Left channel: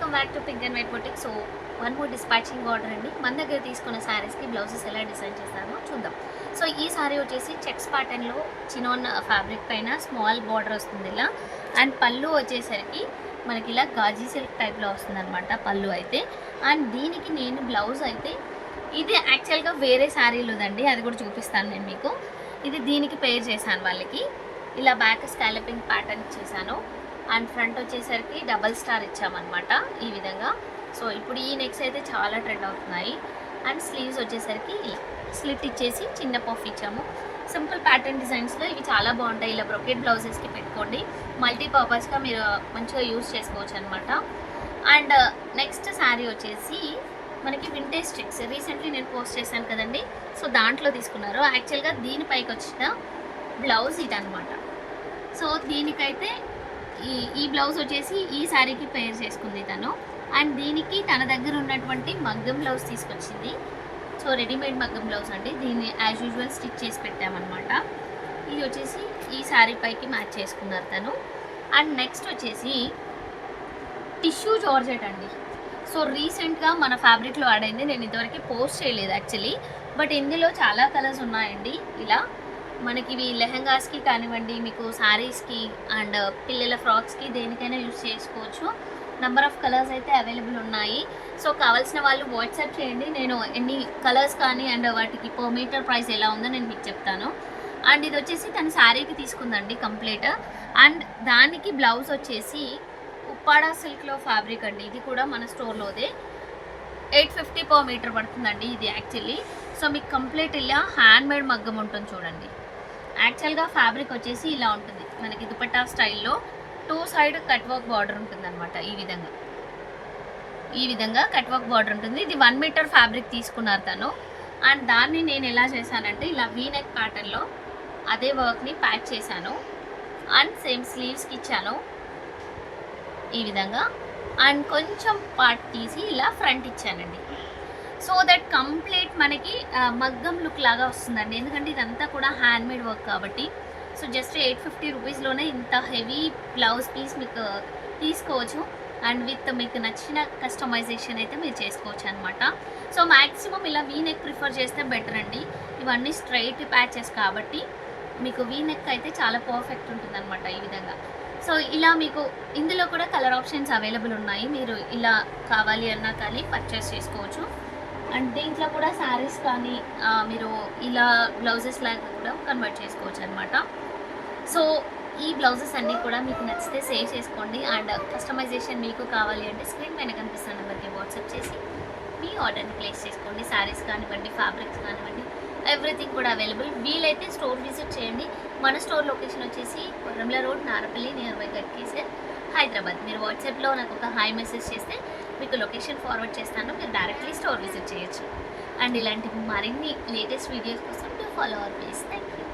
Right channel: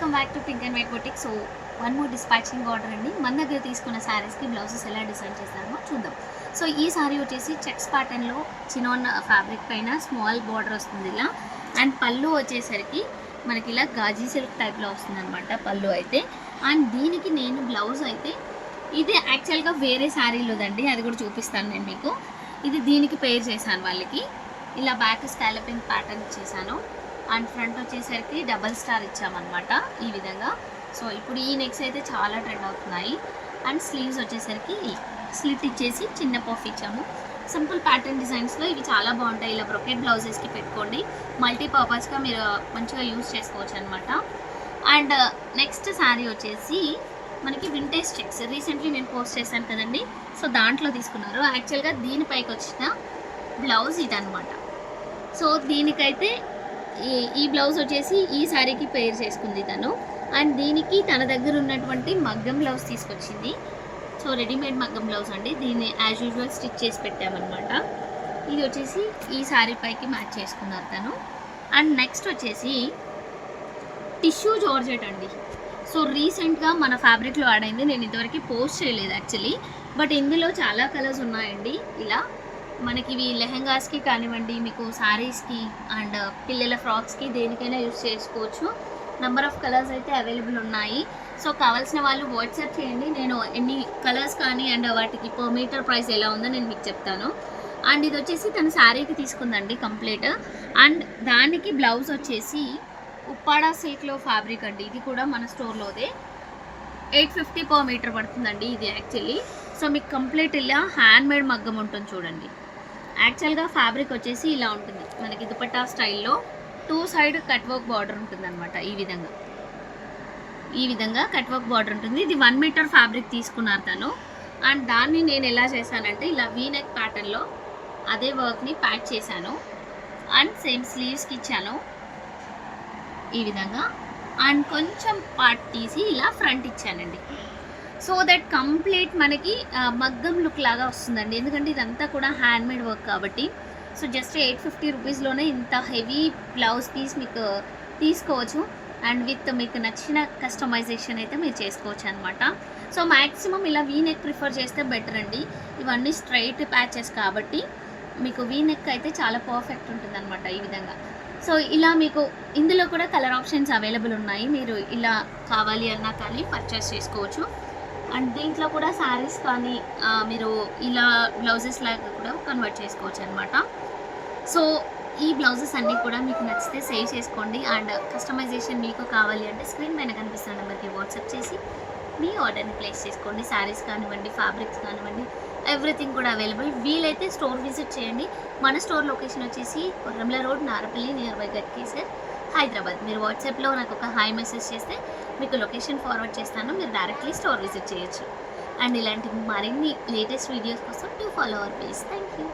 Welcome back to pink and white boutique so one more dispatching order అండి. మన దగ్గర తీసుకున్న శారీస్కి బ్లౌజెస్ ఎలా డిజైన్ చేస్తారో చూద్దాం. సో ఈ శారీ వచ్చేసి చెక్స్ ప్యాటర్న్లో చినోన్ ఫ్యాబ్రిక్ పైన స్మాల్ బార్డర్ వస్తుంది ఇలా. అండ్ పళ్ళు వచ్చేసరికి మనకి ఇలా గాజీ సిల్క్ టైప్లో వస్తుంది అనమాట పళ్ళు అయితే. అండ్ దీనికి నేను బ్లౌజ్ అయితే ఇది యాక్చువల్గా వేరే శారీలోదండి అది కూడా చూపిస్తాను నేను మీకు. ఇది దీనికి పేర్ చేశాను వాళ్ళకి. ఇలా బ్యాక్ స్కాలపింగ్ ప్యాటర్న్ ఇచ్చేసాను అండ్ ఫ్రంట్ వచ్చేసరికి డబల్ స్టార్ ఇచ్చామన్నమాట ఈ విధంగా. సో ఇప్పుడు ఈ నెక్స్ అయితే చాలా ట్రెండ్ అవుతున్నాయి. అండ్ స్లీవ్స్ వచ్చేసరికి ఇలా స్లిట్ ఇచ్చేసి చిన్న పఫ్ ఇచ్చాము. సింపుల్ ప్యాటర్న్ డిజైన్స్లో ఇవి చాలా బాగుంటాయి. ఇలా బ్రొకెట్ బ్లౌజెస్కి పెట్టుకోండి. మల్టీపర్పస్గా మీరు మంచిగా యూస్ చేసుకోవచ్చు అనమాట అండ్ నెక్స్ట్ శారీ వచ్చేసి మనకి వింటేజ్ చెక్స్. రీసెంట్లీ నేను పోస్ట్ చేశాను కదండి. సో దాంట్లో తీసుకున్నారు. యాక్చువల్గా దీనిపైకి వచ్చిన బ్లౌజ్ ఇదనమాట సో దీనికైతే ఈ ఈ బ్లౌజ్ వచ్చేసి ఈ శారీకి పేర్ చేసుకుంది తను. అండ్ దీనికి తన దగ్గర ఉన్నటువంటి మగ్గం బ్లౌజ్ తీసుకొచ్చింది. సో రెడీమేడ్ మగ్గం బ్లౌజ్ అండి. దీన్ని యాజ్ యూజువల్ స్టిచ్ చేసి పెట్టామన్నమాట. ఇది వచ్చేసి ఈ శారీ పైకి మ్యాచ్ చేసుకున్నారు తను. అండ్ నెక్స్ట్ వచ్చేసి టిష్యూ జార్జెట్ అండి. సో రీసెంట్గా మన ఫ్యాబ్రిక్లో ఆడైంది నేను ఇంతవరకు పోస్ట్ చేయలేదు యాక్చువల్లీ బట్ ఇందులో చాలా కలర్స్ ఉన్నాయండి. ఇలా మనకి ఇవి లెహంగాస్కి కానివ్వండి మీకు శారీస్కి అండ్ పిల్లల ఫ్రాక్స్కి దేనికైనా యూస్ చేసుకోవచ్చు. నెంబర్ ఆఫ్ కలర్స్ అయితే అవైలబుల్ ఉన్నాయి. సో కావాల్సిన వాళ్ళు వాట్సాప్ చేయండి. నేను ఎన్ని కలర్స్ కానీ అండ్ వాటికి పర్ మీటర్ ప్రైస్ ఎలా ఉందో నేను మీకు చెప్తాను. అండ్ ఇది వచ్చేసి తన శారీకి తీసుకుందండి కంప్లీట్ అండ్ దానికి బ్లౌజ్ వచ్చేసి ఉప్పాడా సిల్క్లో ఫ్యాబ్రిక్ అండి. ఇది కూడా మన స్టోర్లోదే ఎయిట్ ఫిఫ్టీ పర్ మీటర్ పడుతుందండి ఇది యాక్చువల్లీ సో మీకు కంప్లీట్ ఇలా హ్యాండ్ మేడ్ మగ్గం ఉంటుంది చూడండి. యాక్చువల్గా ఫ్యాబ్రిక్ వచ్చేసి ఇలా ఉంటుంది. మనకి దుపట్టా స్టైల్లో two side cut work border ఉంటుంది అనమాట ఈ విధంగా. ఈ విధంగా కట్ వర్క్ బార్డర్ ఉంటుంది. ఇది వన్ మీటర్ ఫ్యాబ్రిక్ తీసుకున్నారు తను. అండ్ దాన్ని నేను ఎలా చేశానంటే ఇలా వీనెక్ ప్యాటర్న్లో అదే వర్క్ని ప్యాక్ చేశాను. అండ్ సేమ్ స్లీవ్స్కి ఇచ్చాను. ఈ విధంగా. అండ్ కొంచెం పార్ట్ తీసి ఇలా ఫ్రంట్ ఇచ్చానండి. సో దట్ కంప్లీట్ మనకి మగ్గం లుక్ లాగా వస్తుందండి. ఎందుకంటే ఇదంతా కూడా హ్యాండ్ మేడ్ వర్క్ కాబట్టి. సో జస్ట్ ఎయిట్ ఫిఫ్టీ రూపీస్లోనే ఇంత హెవీ బ్లౌజ్ పీస్ మీకు తీసుకోవచ్చు. అండ్ విత్ మీకు నచ్చిన కస్టమైజేషన్ అయితే మీరు చేసుకోవచ్చు అనమాట సో మ్యాక్సిమం ఇలా వీ నెక్ ప్రిఫర్ చేస్తే బెటర్ అండి. ఇవన్నీ స్ట్రైట్ ప్యాచెస్ కాబట్టి మీకు వీ నెక్ అయితే చాలా పర్ఫెక్ట్ ఉంటుంది అనమాట ఈ విధంగా. సో ఇలా మీకు ఇందులో కూడా కలర్ ఆప్షన్స్ అవైలబుల్ ఉన్నాయి. మీరు ఇలా కావాలి అన్నా కానీ పర్చేస్ చేసుకోవచ్చు. అండ్ దీంట్లో కూడా శారీస్ కానీ మీరు ఇలా బ్లౌజెస్ లాగా కూడా కన్వర్ట్ చేసుకోవచ్చు అనమాట సో ఈ బ్లౌజెస్ అన్నీ కూడా మీకు నచ్చితే సేవ్ చేసుకోండి. అండ్ కస్టమైజేషన్ మీకు కావాలి అంటే స్క్రీన్ పైన కనిపిస్తున్న నెంబర్కి వాట్సాప్ చేసి మీ ఆర్డర్ని ప్లేస్ చేసుకోండి. శారీస్ కానివ్వండి ఫ్యాబ్రిక్స్ కానివ్వండి ఎవ్రీథింగ్ కూడా అవైలబుల్. వీలైతే స్టోర్ విజిట్ చేయండి. మన స్టోర్ లొకేషన్ వచ్చేసి Korremula road Narapally near by Ghatkesar Hyderabad. మీరు వాట్సాప్లో నాకు ఒక హాయ్ మెసేజ్ చేస్తే మీకు లొకేషన్ ఫార్వర్డ్ చేస్తాను మీరు డైరెక్ట్లీ స్టోర్ విజిట్ చేయొచ్చు. అండ్ ఇలాంటి మరిన్ని లేటెస్ట్ వీడియోస్ కోసం to follow our please thank you